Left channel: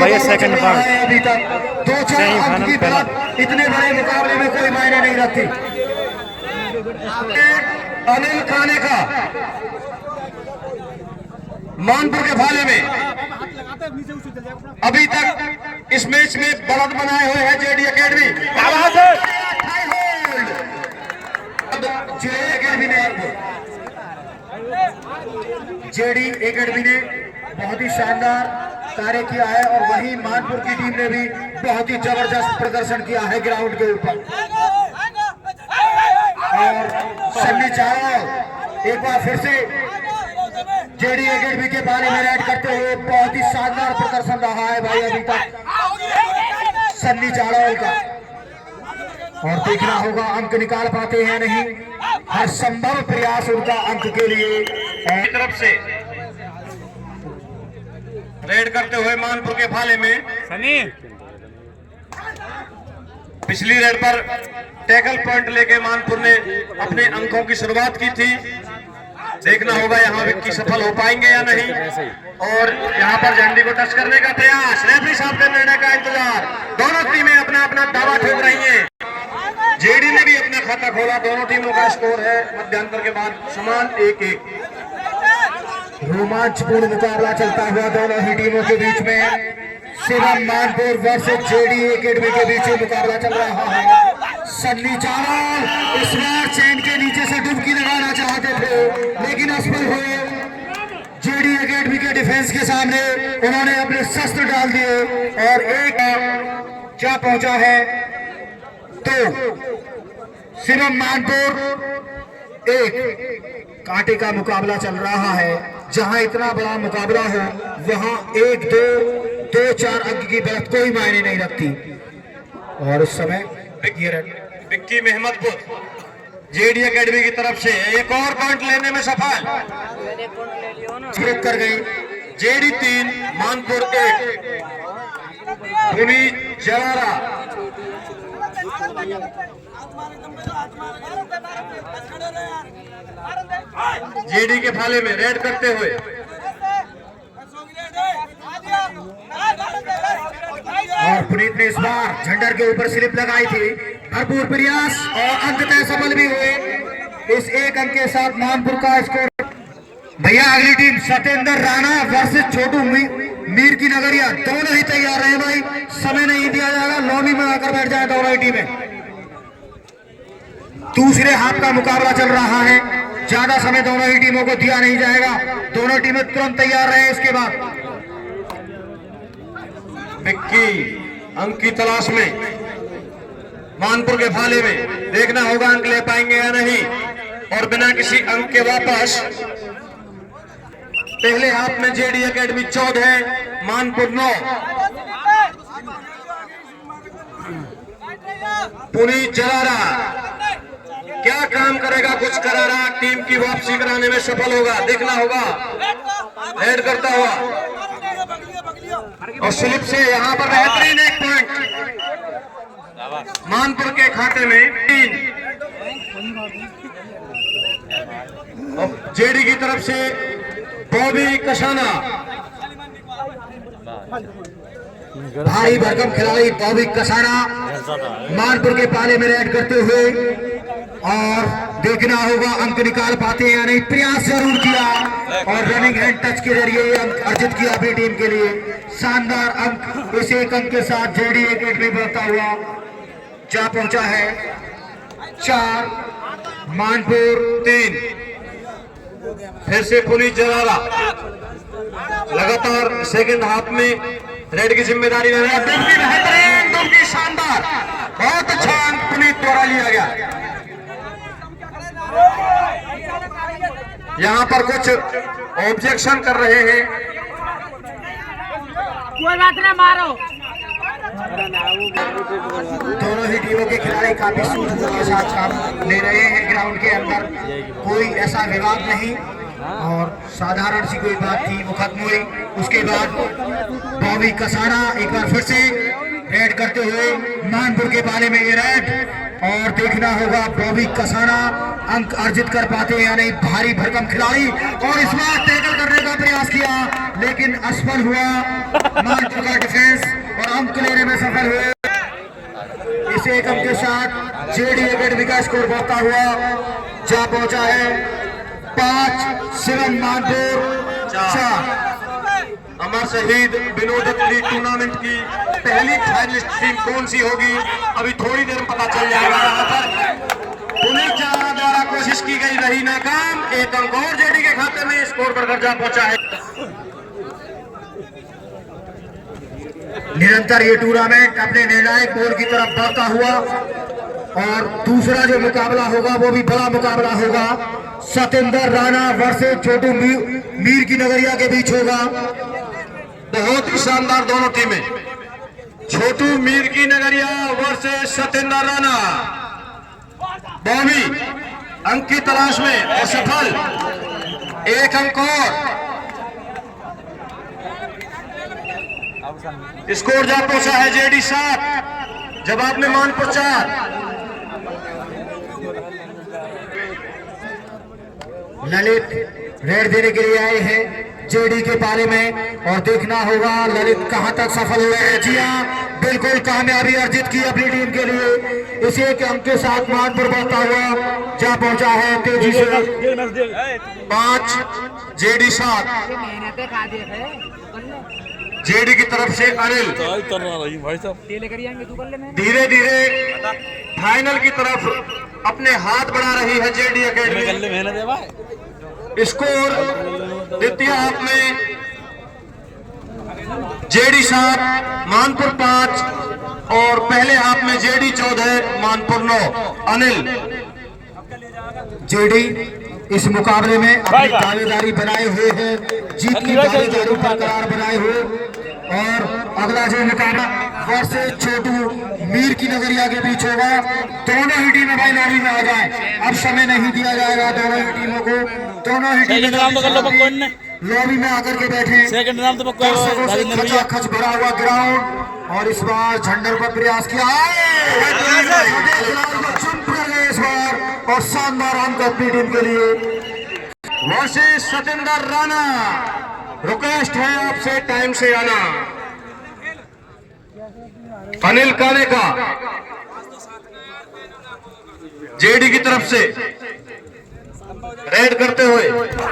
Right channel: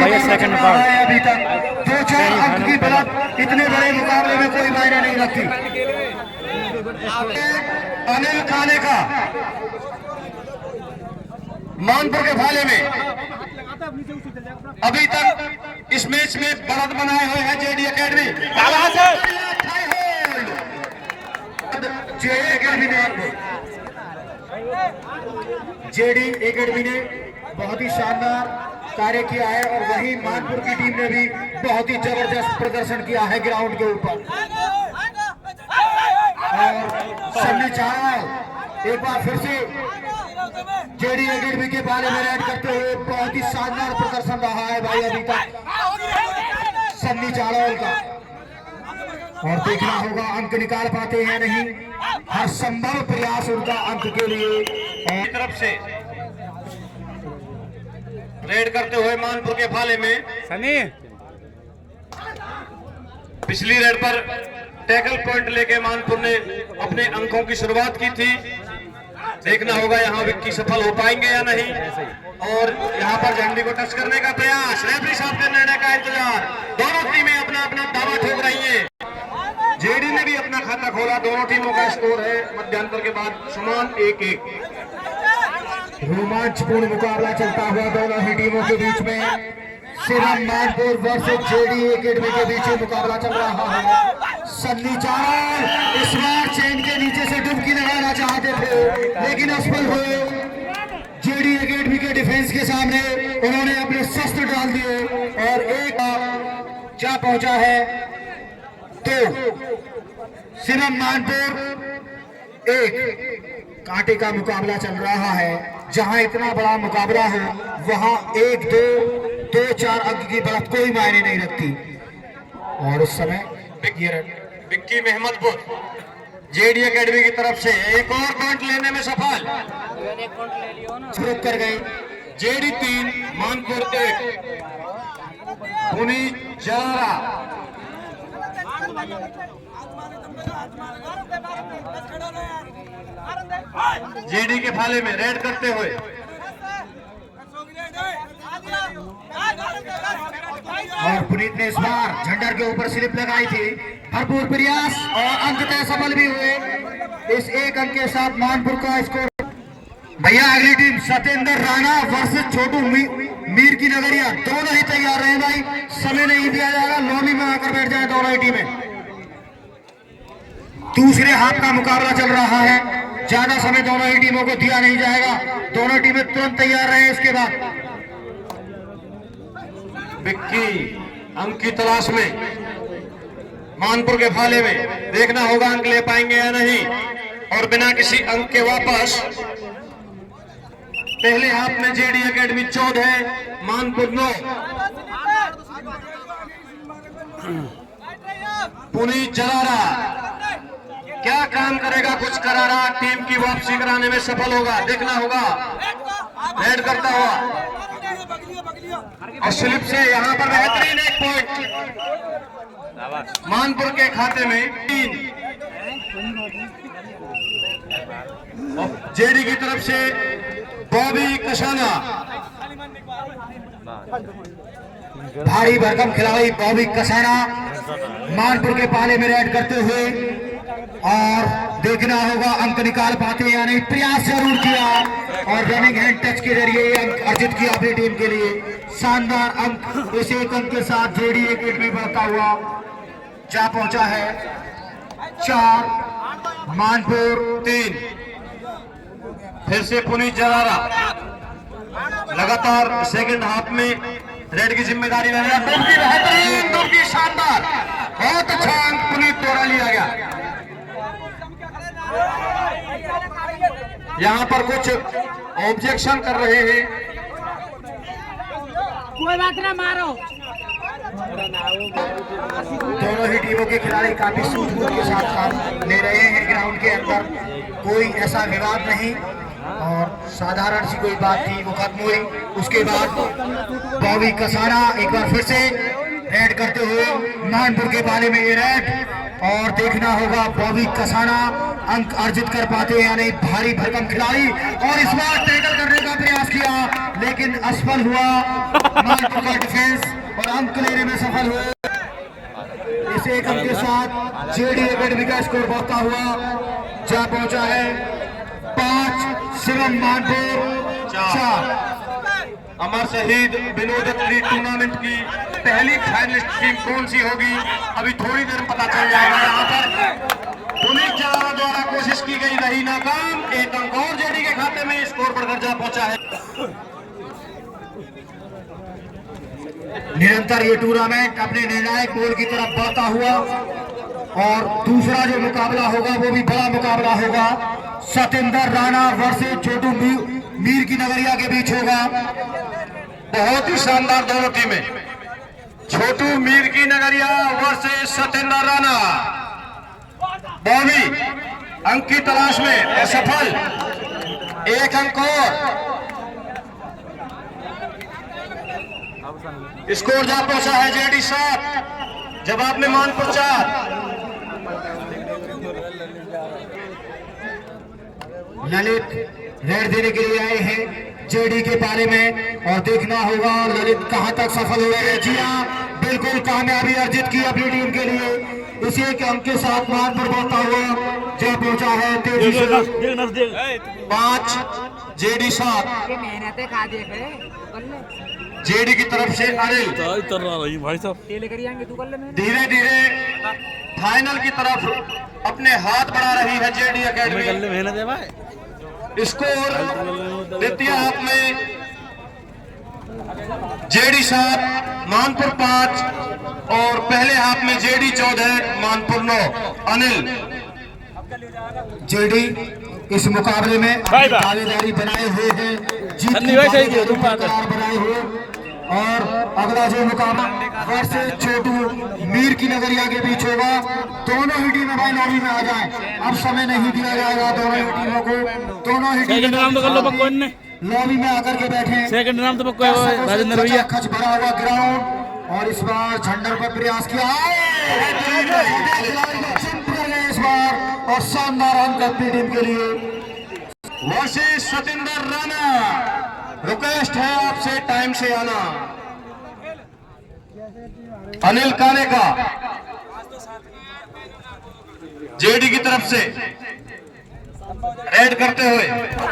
भैया second part अभी तक 2-4 अंक की बढ़त इतने बड़े मुकाबले में कोई मायने नहीं रखती। अनिल खाने का मानपुर के भाले में अभी तक इस मैच में बढ़त बनाए हुए हैं जेडी एकेडमी। जेडी एकेडमी ने बहुत ही शानदार कार्य किया है और वहीं मानपुर की टीम ने भी बहुत ही जबरदस्त प्रदर्शन किया है ग्राउंड के ऊपर। और सन्नी चावल एक बार फिर से जेडी एकेडमी के बारे में रेड करते हुए बहुत ही शानदार प्रदर्शन रहा है भाई अभी तक सन्नी चावल का। और देखना होगा अंक निकाल पाते हैं नहीं, हर संभव प्रयास उनका अंक के लिए तरफ से रेड करते हुए मानपुर के भाले में सनी पिछली रेड पर टैकल पॉइंट लेके मानपुर ने अपने अंकों की शुरुआत की थी। देखना होगा यहाँ विक्की सफल हो पाएंगे या नहीं। और यहाँ पर झंडी को टच करने का प्रयास, रेफरी साहब के निर्णय का इंतजार। दोनों टीमें अपना अपना दावा ठोक रही हैं। जेडी ने भी अपना खाता खोला, दोनों टीमों का स्कोर है मध्यांतर के बाद समान 1-1। रोमांचपूर्ण मुकाबला चलता हुआ दोनों ही टीमों के बीच में। Shivam Manpur versus JD academy के बीच मुकाबला चल रहा है। सन्नी चावल इस बार चैन के नीचे से डुबकी लगाना चाहते थे लेकिन असफल हुए। जेडी एकेडमी के डिफेंस के सामने उन्होंने अपने शस्त्र डाल दिए और एक जा पहुंचा है। तो शिवम मानपुर एक कांटे का मुकाबला चल रहा है। जहां इतना बड़ा मुकाबला हो वहां 1-2-4 अंक की बढ़त कोई मायने नहीं रखती। और उस समय विक्की मेहमदपुर जेडी एकेडमी की तरफ से एक और पॉइंट लेने में सफल कर गई। जेडी 3 मानपुर 1। पुनीत जलारा जेडी के भाले में रेड करते हुए और पुनीत ने इस बार झंडर के ऊपर स्लिप लगाई थी। भरपूर प्रयास और अंततः सफल भी हुए। इस एक अंक के साथ मानपुर का स्कोर। भैया अगली टीम सत्येंद्र राणा वर्सेस छोटू मीर की नगरिया, दोनों ही तैयार रहे भाई, समय नहीं दिया जाएगा। लॉबी में आकर बैठ जाए दोनों ही टीमें। दूसरे हाथ का मुकाबला चल रहा है, ज्यादा समय दोनों ही टीमों को दिया नहीं जाएगा। दोनों टीमें तुरंत तैयार रहे। इसके बाद विक्की अंक की तलाश में मानपुर के भाले में। देखना होगा अंक ले पाएंगे या नहीं। और बिना किसी अंक के वापस पहले हाथ में जेडी एकेडमी 14 मानपुर 9। पुनीत जलारा क्या काम करेगा, कुछ करारा टीम की वापसी कराने में सफल होगा। देखना होगा हेड करता हुआ और स्लिप से यहाँ पर बेहतरीन एक पॉइंट मानपुर के खाते में 3। जेडी की तरफ से बॉबी कसाना, भारी भरकम खिलाड़ी बॉबी कसाना मानपुर के पाले में रेड करते हुए। और देखना होगा अंक निकाल पाते हैं या नहीं। प्रयास जरूर किया और रनिंग हैंड टच के जरिए अंक अर्जित किया अपनी टीम के लिए। शानदार अंक इस एक अंक के साथ जेडी एकेडमी बढ़ता हुआ जा पहुंचा है 4 मानपुर 3। फिर से पुनीत जलारा लगातार सेकंड हाफ में रेड की जिम्मेदारी ले रहा है। दुबकी बेहतरीन, दुबकी शानदार, बहुत अच्छा अंक पुनीत द्वारा लिया गया। यहाँ पर कुछ ऑब्जेक्शन कर रहे हैं। कोई बात ना, मारो। दोनों ही टीमों के खिलाड़ी काफी सूझबूझ के साथ काम ले रहे हैं ग्राउंड के अंदर। कोई ऐसा विवाद नहीं और साधारण सी कोई बात थी वो खत्म हुई। उसके बाद बॉबी कसाना एक बार फिर से रेड करते हुए मानपुर के बाले में ये रेड। और देखना होगा बॉबी कसाना अंक अर्जित कर पाते हैं या नहीं। भारी भरकम खिलाड़ी और इस बार टैकल करने का प्रयास किया लेकिन असफल हुआ। मानपुर का डिफेंस और अंक लेने में सफल हुए। इस एक अंक के साथ जेडी एकेडमी का स्कोर बढ़ता हुआ जा पहुंचा है 5, शिवम मानपुर 4। अमर शहीद विनोदपुरी टूर्नामेंट की पहली फाइनलिस्ट टीम कौन सी होगी, अभी थोड़ी देर में पता चल जाएगा। यहाँ पर पुलिस जवानों द्वारा कोशिश की गई, रही नाकाम। एक अंक और जेडी के खाते में स्कोर बढ़कर जा पहुंचा है। निरंतर ये टूर्नामेंट अपने निर्णायक गोल की तरफ बढ़ता हुआ और दूसरा जो मुकाबला होगा वो भी बड़ा मुकाबला होगा। सतेंद्र राणा वर्सेस छोटू मीर की नगरिया के बीच होगा। बहुत ही शानदार दोनों टीमें, छोटू मीर की नगरिया वर्सेस सतेंद्र राणा। बॉमी अंक की तलाश में असफल, एक अंक और। स्कोर जा पहुंचा है जेडी 7, जवाब में मानपुर 4। ललित रेड देने के लिए आए हैं जेडी के पाले में और देखना होगा ललित कहां तक सफल हुए हैं। जी हाँ, बिल्कुल कामयाबी अर्जित की अपनी टीम के लिए। इसी एक अंक के साथ मानपुर बढ़ता हुआ जा पहुंचा है तेजी से 5 जेडी 7। जेडी की तरफ से अनिल धीरे धीरे फाइनल की तरफ अपने हाथ बढ़ा रही है जेडी एकेडमी। स्कोर द्वितीय हाफ में जेडी 7 मानपुर 5 और पहले हाफ में जेडी 14 मानपुर 9। अनिल जेडी इस मुकाबले में अपनी दावेदारी बनाए हुए है, जीत की दावेदारी बरकरार बनाए हुए। और अगला जो मुकाबला वर्सेस छोटू मीर की नगरिया के बीच होगा। दोनों ही टीमें भाई लॉबी में आ जाए, अब समय नहीं दिया जाएगा दोनों ही टीमों को। दोनों ही टीमें लॉबी में आकर के बैठे। खच भरा हुआ ग्राउंड और इस बार झंडे पर प्रयास किया इस बार और शानदार अंक अपनी टीम के लिए। वर्सेस सतेंद्र राणा, रिक्वेस्ट है आपसे टाइम से आना। अनिल काने का जेडी की तरफ से रेड करते हुए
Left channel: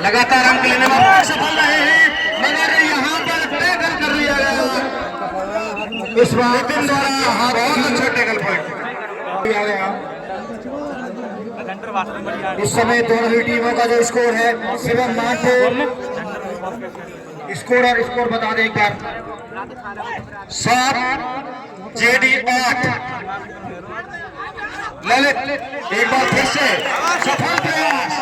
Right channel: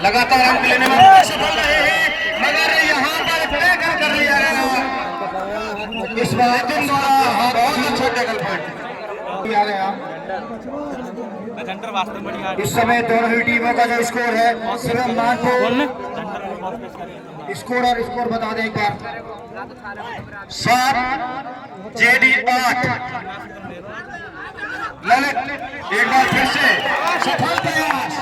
लगातार अंक लेने में सफल रहे हैं, मगर यहाँ पर टैकल कर लिया गया। इस बार बहुत अच्छा टैकल पॉइंट दिया गया। इस समय दोनों ही टीमों का जो स्कोर है शिवम मानपुर स्कोर बता दें एक बार। 7 जेडी 8। ललित एक बार फिर से सफल प्रयास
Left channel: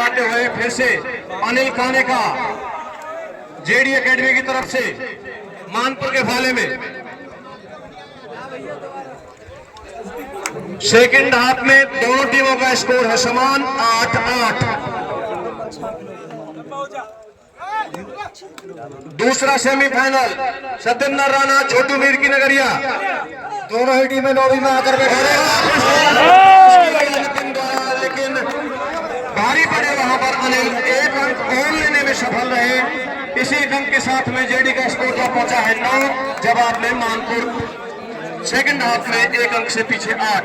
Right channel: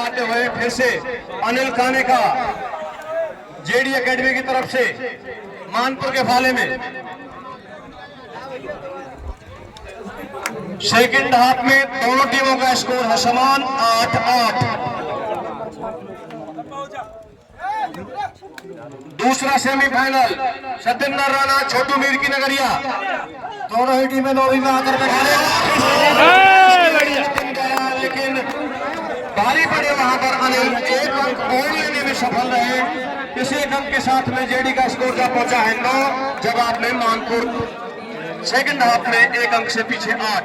आते हुए फिर से अनिल काने का जेडी एकेडमी की तरफ से मानपुर के भाले में। सेकंड हाफ में दोनों टीमों का स्कोर है समान 8-8। दूसरा सेमीफाइनल सतेंद्र राणा छोटू मीर की नगरिया। दोनों ही टीमें लॉबी में आकर बैठे, लेकिन भारी पड़े वहां पर अनिल एक अंक और लेने में सफल रहे। इसी एक अंक के साथ में जेडी का स्कोर का पहुंचा है 9, जवाब में मानपुर सेकंड हाफ में एक अंक से पीछे 8।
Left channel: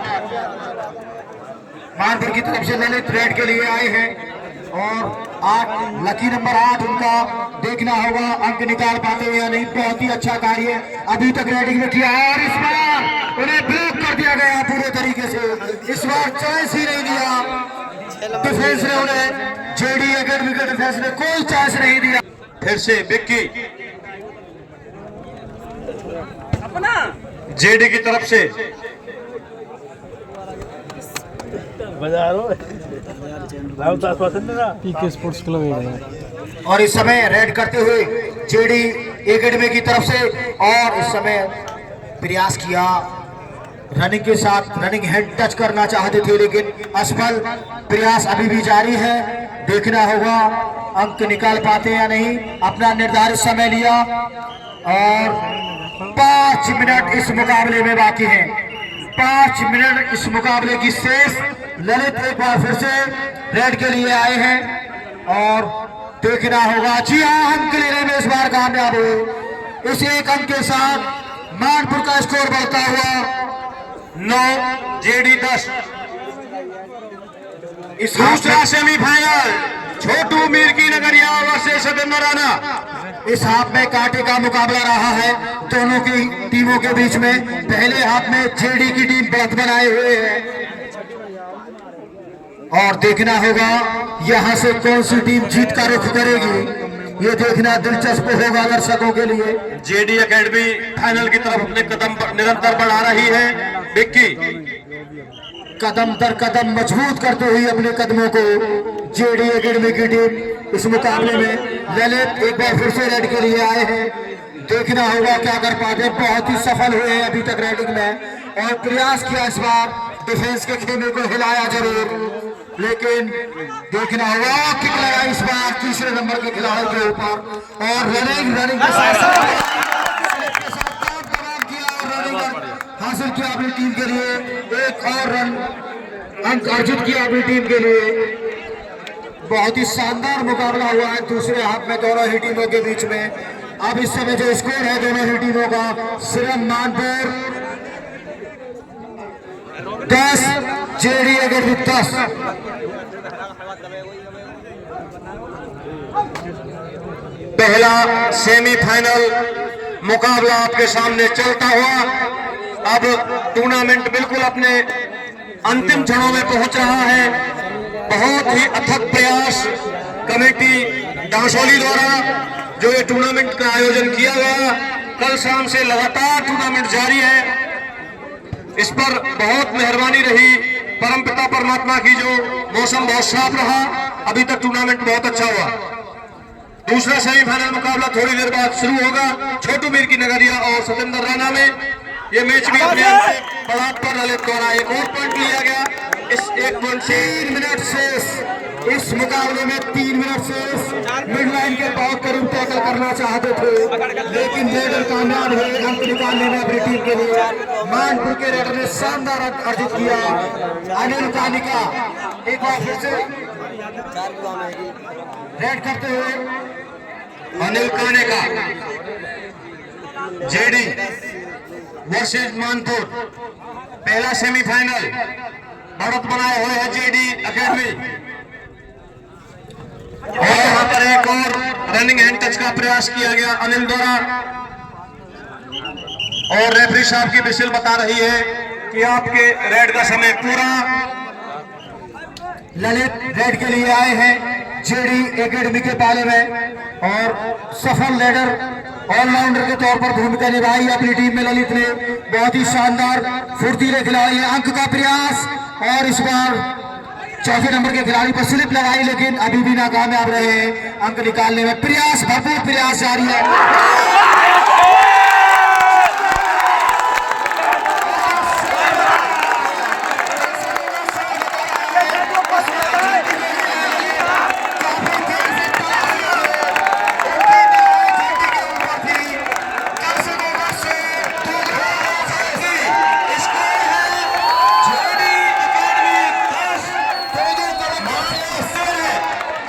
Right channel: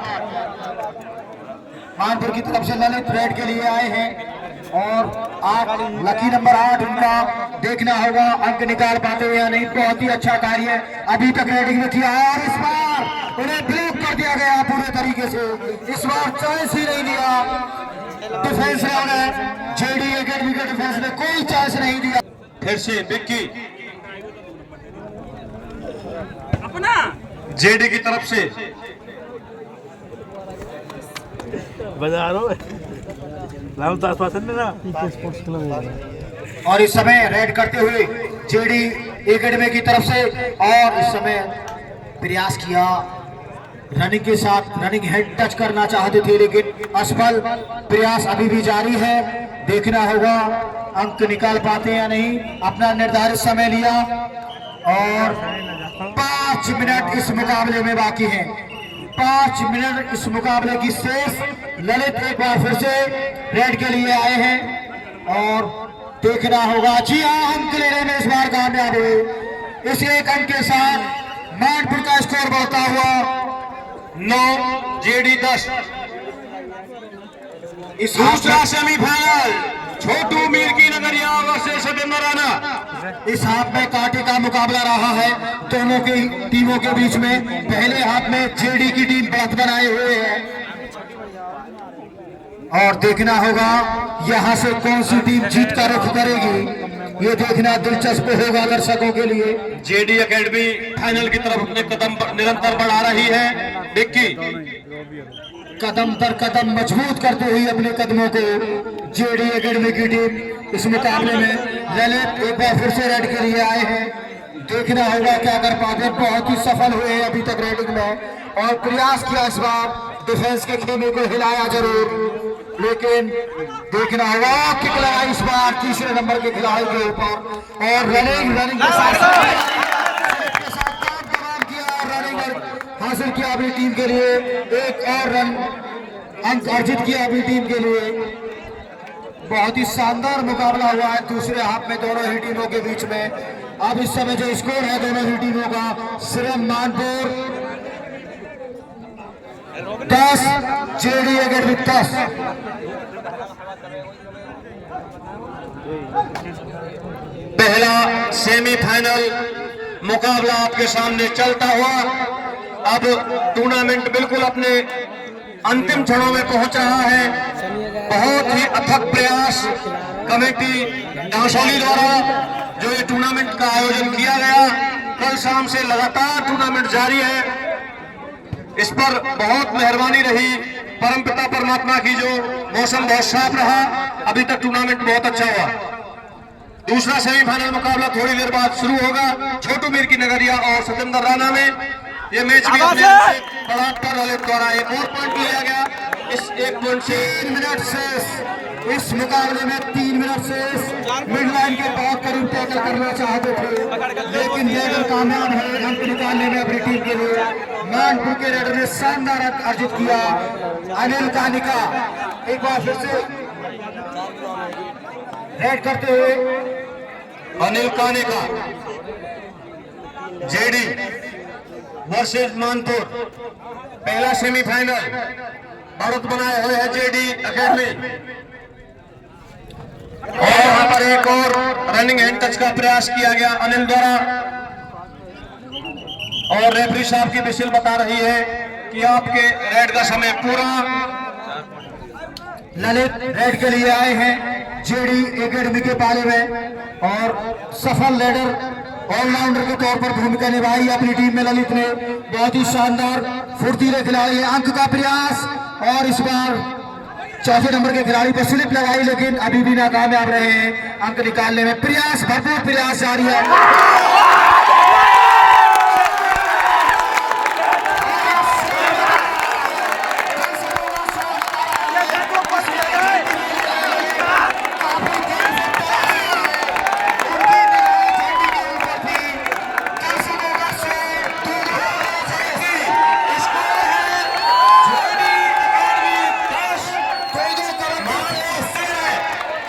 मानपुर की तरफ से ललित रेड के लिए आए हैं और 8 लकी नंबर 8 उनका देखना होगा अंक निकाल पाते हुए या नहीं। बहुत ही अच्छा कार्य अभी तक रेडिंग में किया और इस बार उन्हें ब्लॉक कर दिया गया पूरे तरीके से। इस बार चांस ही नहीं दिया डिफेंस ने, उन्हें जेडी एकेडमी के डिफेंस ने कोई चांस नहीं दिया। फिर से विक्की जेडी की तरफ से स्पोर्ट्स क्लब और इस समय रेड करते हुए जेडी एकेडमी की तरफ से और इस समय प्रयास किया रनिंग के साथ, रनिंग हेड टच करना चाहते थे लेकिन असफल। प्रयास अभी भी जारी है, देखना होगा अंक निकाल पाते या नहीं। अपना निर्धारित समय लिया और 5 मिनट इस मुकाबले में बाकी हैं। 5 मिनट इस मुकाबले की शेष। ललित एक बार फिर से रेड के लिए आए हैं और देखना होगा। जी हाँ, अंक लेने में इस बार कामयाब हुए। इस एक अंक के साथ मानपुर का स्कोर बढ़ता हुआ 9 जेडी 10। इस दूसरा सेमीफाइनल छोटू मीर की नगरिया वर्सेस सतेंद्र राणा। इस हाफ में कांटे का मुकाबला रहा है दोनों की टीमों के बीच में। पहले हाफ में जेडी की टीम बढ़त बनाए हुए है और देखना होगा यहां से कौन सी टीम जीत का रुख करेगी। ये देखना दिलचस्प होगा दर्शकों के लिए। जेडी एकेडमी फाइनल की तरफ अपने कदम निरंतर बढ़ा रही है। विक्की कदम दर कदम मजबूत करते हुए अपने कदमों को जेडी एकेडमी की टीम इस मुकाबले में। ललित एक बार फिर से रेड के लिए आए हैं, देखना होगा क्या कर पाते। बहुत ही सफल हुए हैं अभी तक रेडिंग में और प्रयास किया इस बार डिफेंस के खेमे को हिलाया जरूर, लेकिन देखना होगा किक लगा इस बार तीसरे नंबर के खिलाड़ी के ऊपर और रनिंग के साथ हासिल किया अपनी टीम के लिए। एक और रन अंक अर्जित किया अपनी टीम के लिए। बहुत ही शानदार मुकाबला हुआ है दूसरे हाफ में दोनों ही टीमों के बीच में। अब इस समय जो स्कोर है दोनों ही टीमों का, सिरम मानपुर 10 जेडी एकेडमी 10। पहला सेमीफाइनल मुकाबला आपके सामने चलता हुआ अब टूर्नामेंट बिल्कुल अपने अंतिम क्षणों में पहुंच रहा है। बहुत ही अथक प्रयास कमेटी डांसोली द्वारा जो ये टूर्नामेंट का आयोजन किया गया, कल शाम से लगातार टूर्नामेंट जारी है। इस पर बहुत मेहरबानी रही परमपिता परमात्मा की, जो मौसम बहुत साफ रहा, अभी तक टूर्नामेंट बहुत अच्छा हुआ। दूसरा सेमीफाइनल मुकाबला थोड़ी देर बाद शुरू होगा छोटू मीर की नगरिया और सतेंद्र राणा में। ये मैच भी बलात् पर ललित द्वारा एक और पॉइंट लिया गया। इस 1 पॉइंट से 3 मिनट से इस मुकाबले में 3 मिनट से मिड लाइन के बहुत करीब टैकल करना चाहते थे, लेकिन रेडर कामयाब हुए अंक निकालने में अपनी टीम के लिए। मानपुर के रेडर ने शानदार अंक अर्जित किया। अनिल कानिका एक बार फिर से रेड करते हुए। अनिल कानिका जेडी वर्सेस मानपुर पहला सेमीफाइनल बढ़त बनाए हुए है जेडी एकेडमी। और यहाँ पर एक और रनिंग हैंड टच का प्रयास किया गया अनिल द्वारा और रेफरी साहब की विसिल बता रही है कि आपके रेड का समय पूरा। ललित रेड के लिए आए हैं जेडी एकेडमी के पाले में और सफल रेडर ऑलराउंडर के तौर पर भूमिका निभाई अपनी टीम में ललित ने। बहुत ही शानदार फुर्तीले खिलाड़ी है। अंक का प्रयास और इस बार चौथे नंबर के खिलाड़ी पर स्लिप लगाई, लेकिन अभी भी नाकामयाब रहे हैं अंक निकालने में। प्रयास भरपूर प्रयास जारी है।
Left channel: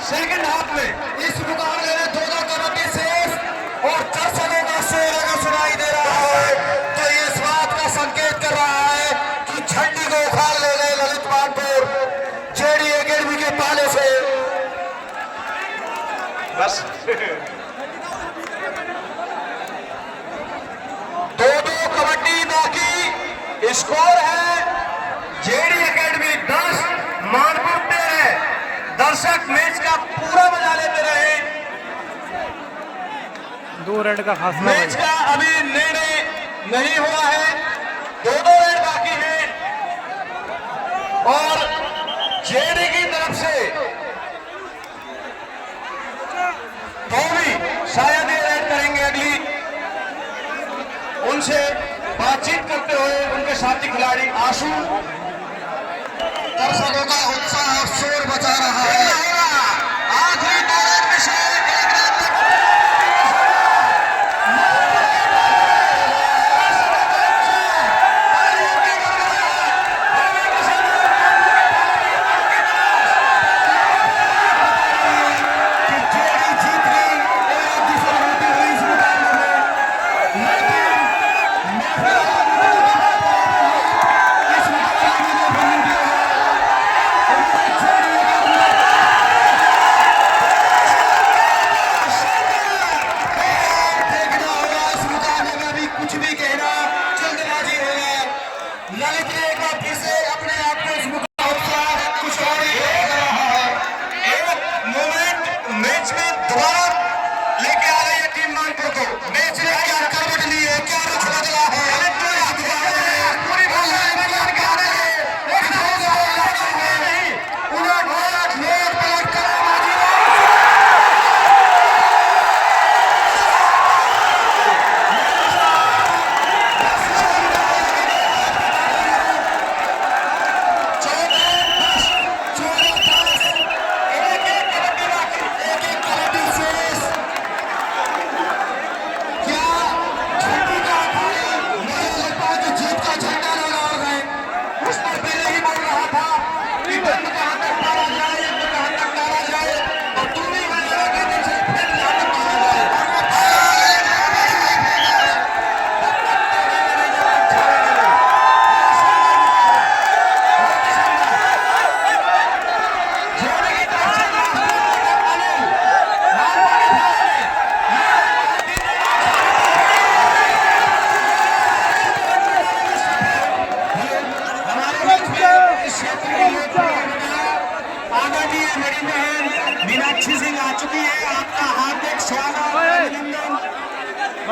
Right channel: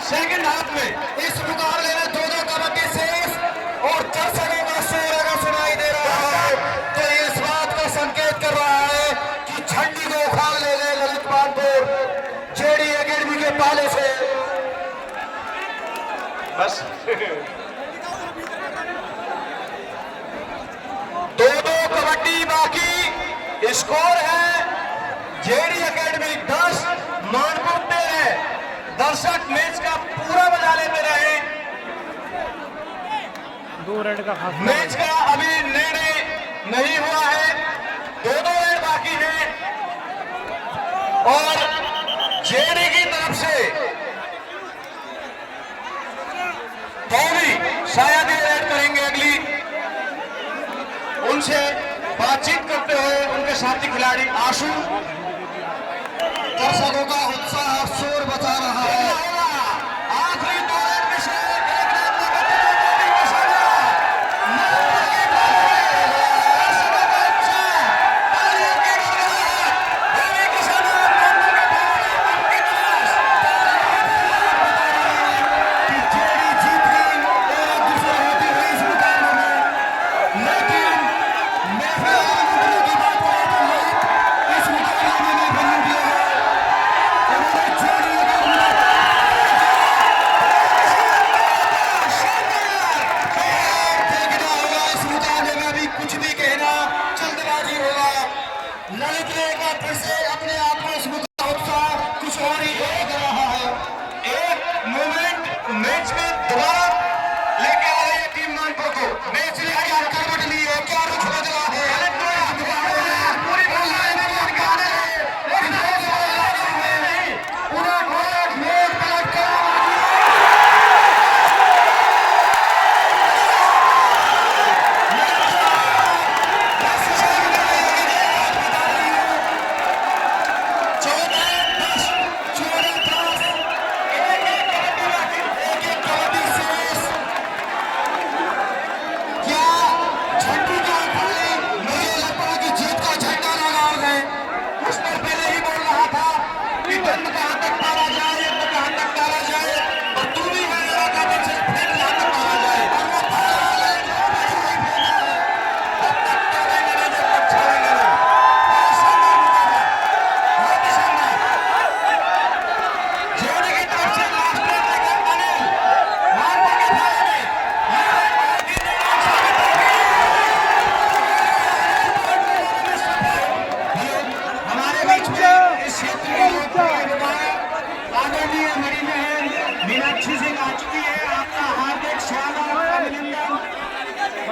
सेकंड हाफ में इस मुकाबले में दोनों कबड्डी शेष और दर्शकों का शोर अगर सुनाई दे रहा है तो ये इस बात का संकेत कर रहा है कि झंडी को उखाड़ ले गए ललित मानपुर जेडी एकेडमी के पाले से। बस दो कबड्डी बाकी, स्कोर है जेडी एकेडमी 10 मानपुर 13। दर्शक मैच का पूरा मजा लेते रहे। 2 रेड का फासला मैच का अभी निर्णय नहीं हुआ है, 2 रेड बाकी है और जेडी की तरफ से कौवी शायद ये रेड करेंगे अगली। उनसे बातचीत करते हुए उनके साथी खिलाड़ी आशु। दर्शकों का उत्साह और शोर बचा रहा है। आखिरी 2 रेड में से एक रेड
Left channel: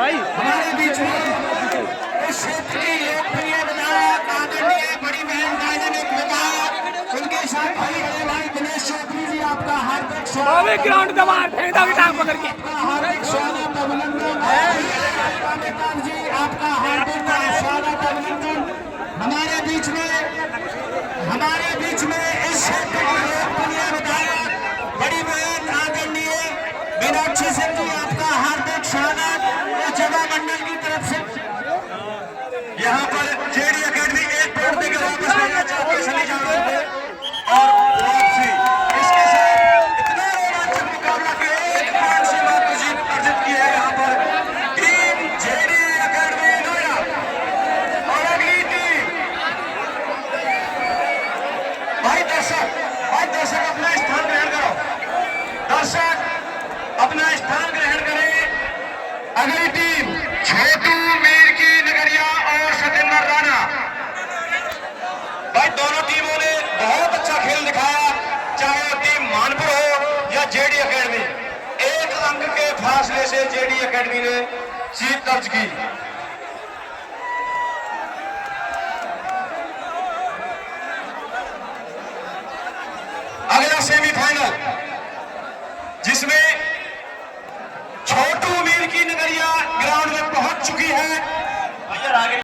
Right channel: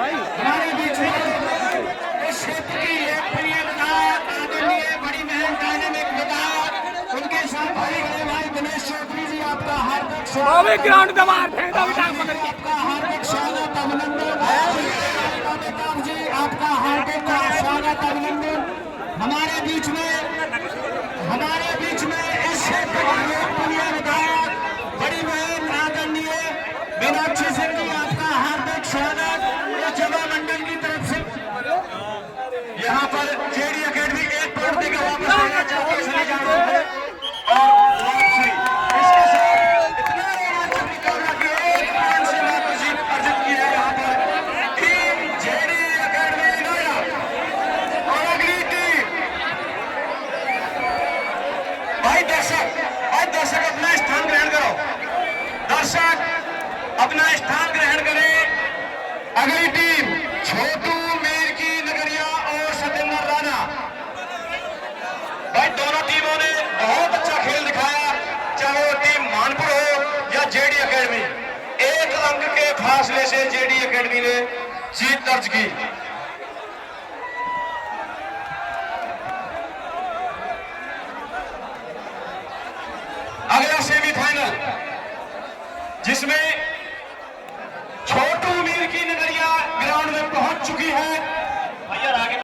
हमारे बीच में इस क्षेत्र की लोकप्रिय विधायक आदरणीय बड़ी बहन डायनेमिक विधायक उनके साथ भाई बड़े भाई दिनेश चौधरी जी, आपका हार्दिक स्वागत। ग्राउंड दबार फेंका बिठा पकड़ के। आपका हार्दिक स्वागत, अभिनंदन जी, आपका हार्दिक स्वागत, अभिनंदन। हमारे बीच में इस क्षेत्र की लोकप्रिय विधायक बड़ी बहन आदरणीय मीनाक्षी सिंह जी, आपका हार्दिक स्वागत युवा मंडल की तरफ से। यहाँ पर जेडी एकेडमी एक पॉइंट देकर वापस लेना चाहते चले जा रहे हैं और वापसी इसके साथ इतना रोमांचक मुकाबला कि एक पांच से बार जीत अर्जित की है यहाँ पर टीम जेडी एकेडमी गया। और अगली टीम भाई दर्शक अपना स्थान ग्रहण करो, दर्शक अपना स्थान ग्रहण करें। अगली टीम छोटू मीर की नगरिया और सतेंद्र राणा। भाई दोनों टीमों ने बहुत अच्छा खेल दिखाया, चाहे वो टीम मानपुर हो या जेडी एकेडमी। एक अंक के फासले से जेडी एकेडमी ने जीत दर्ज की। अगला सेमीफाइनल जिसमें छोटू मीर की नगरिया ग्राउंड में पहुंच चुकी है